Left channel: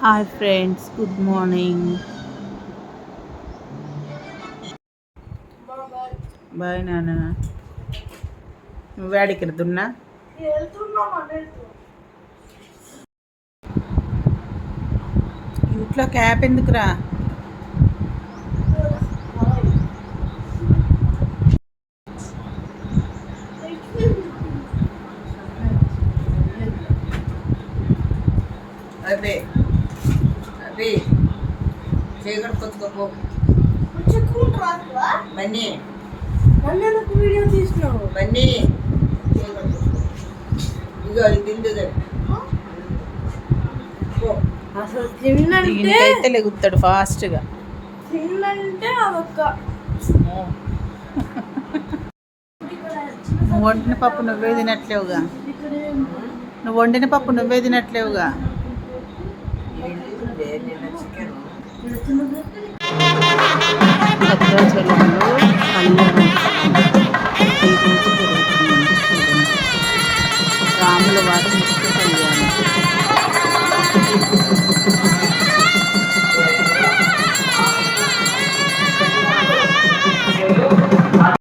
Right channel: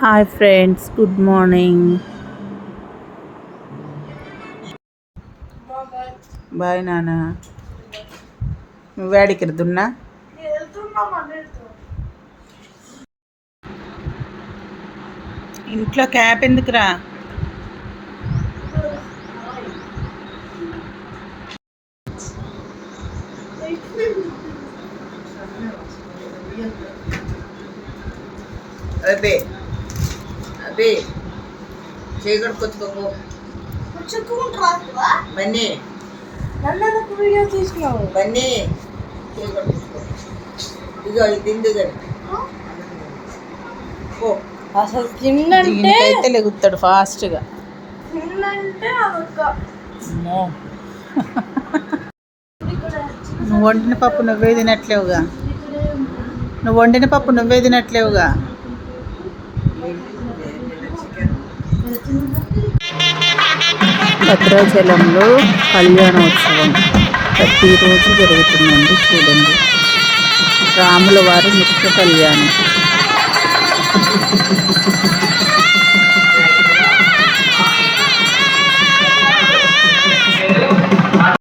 Hi friends, good morning. Bye నాన్న. నువ్వు వేడికిరుతున్నా ఇంట్లో క్యాప్ ఎందుకురా? అదే అదే చేయగడుకొచ్చుకోపో బన్నీ. నన్ను వీడియో తీసినావు బన్నీ చేయగడుకొచ్చుకో. ఇగో ఇది తిందు పో. అసలు తిన్నంటే దీనికైతే లెగుతాడు ఫాస్ట్గా. తిన్నంటే అదొక్క నువ్వు వండిన పప్పు నువ్వే తినట్లేవుగా. నువ్వు వండిన పప్పు నువ్వే తినట్లేవుగా. భద్రాచలంలో కళ్యాణోత్సవం ప్రతిరోజు జరుగుతుందండి. చూడండి, రాముల వారి ముఖ్య కళ్యాణం.